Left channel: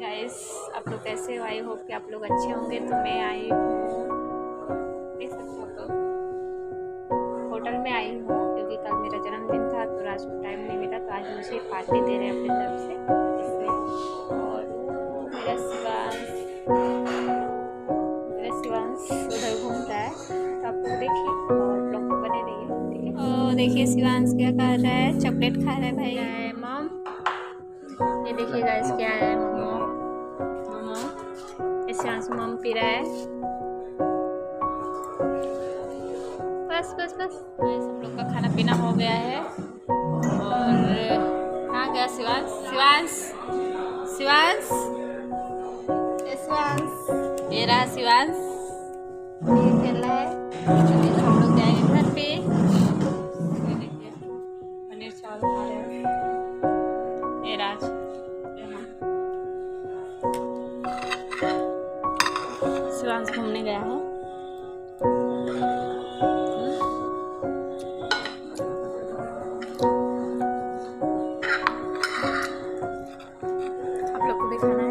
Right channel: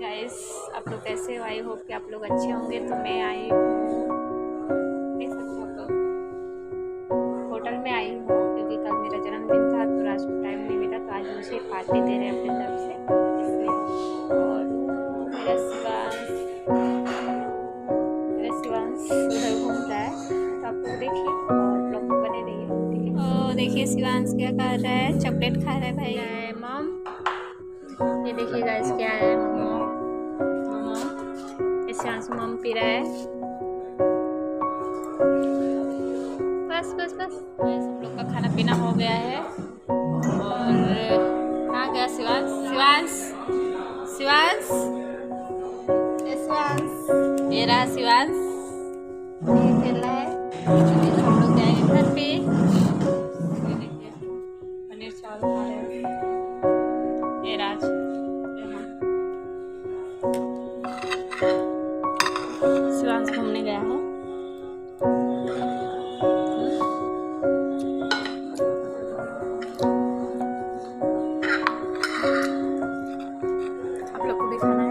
Guys, आप लोग कैसे हो? आई होप कि आप लोग अच्छे होंगे। तो मैं आई हूँ, देख सकते हो आप लोग, होटल में आई हूँ क्योंकि कल मेरा जन्मदिन था तो राज को टाइम नहीं मिला, तो आज मुझे पार्टी दे रहे हैं अपनी तरफ से, इसलिए। और वो मेरा शिवांश उधर घूम रहा है, तो आप लोग देखिए और ब्लॉग में बने रहिए, ठीक है। तो देखिए शिवांश क्या कर रहा है, चॉकलेट खा रहा है भाई। क्या है मॉम? ये देखिए गाइस क्या है, मोमो। मोमो इस शिवांश मॉम पी रहा है। बस बस बस सब लोग का खाना पीना हो गया है। और कहाँ गया शिवांश? शिवांश, शिवांश, ये शिवांश, ये रहा शिवांश, ये खेल रहा है। अभी तो हम लोग जाएंगे घर पे। ये देखिए पनीर चावल खा रहे हैं, ये राज, यहाँ शिवांश घूमने गया है। आप लोग को भी खाना है।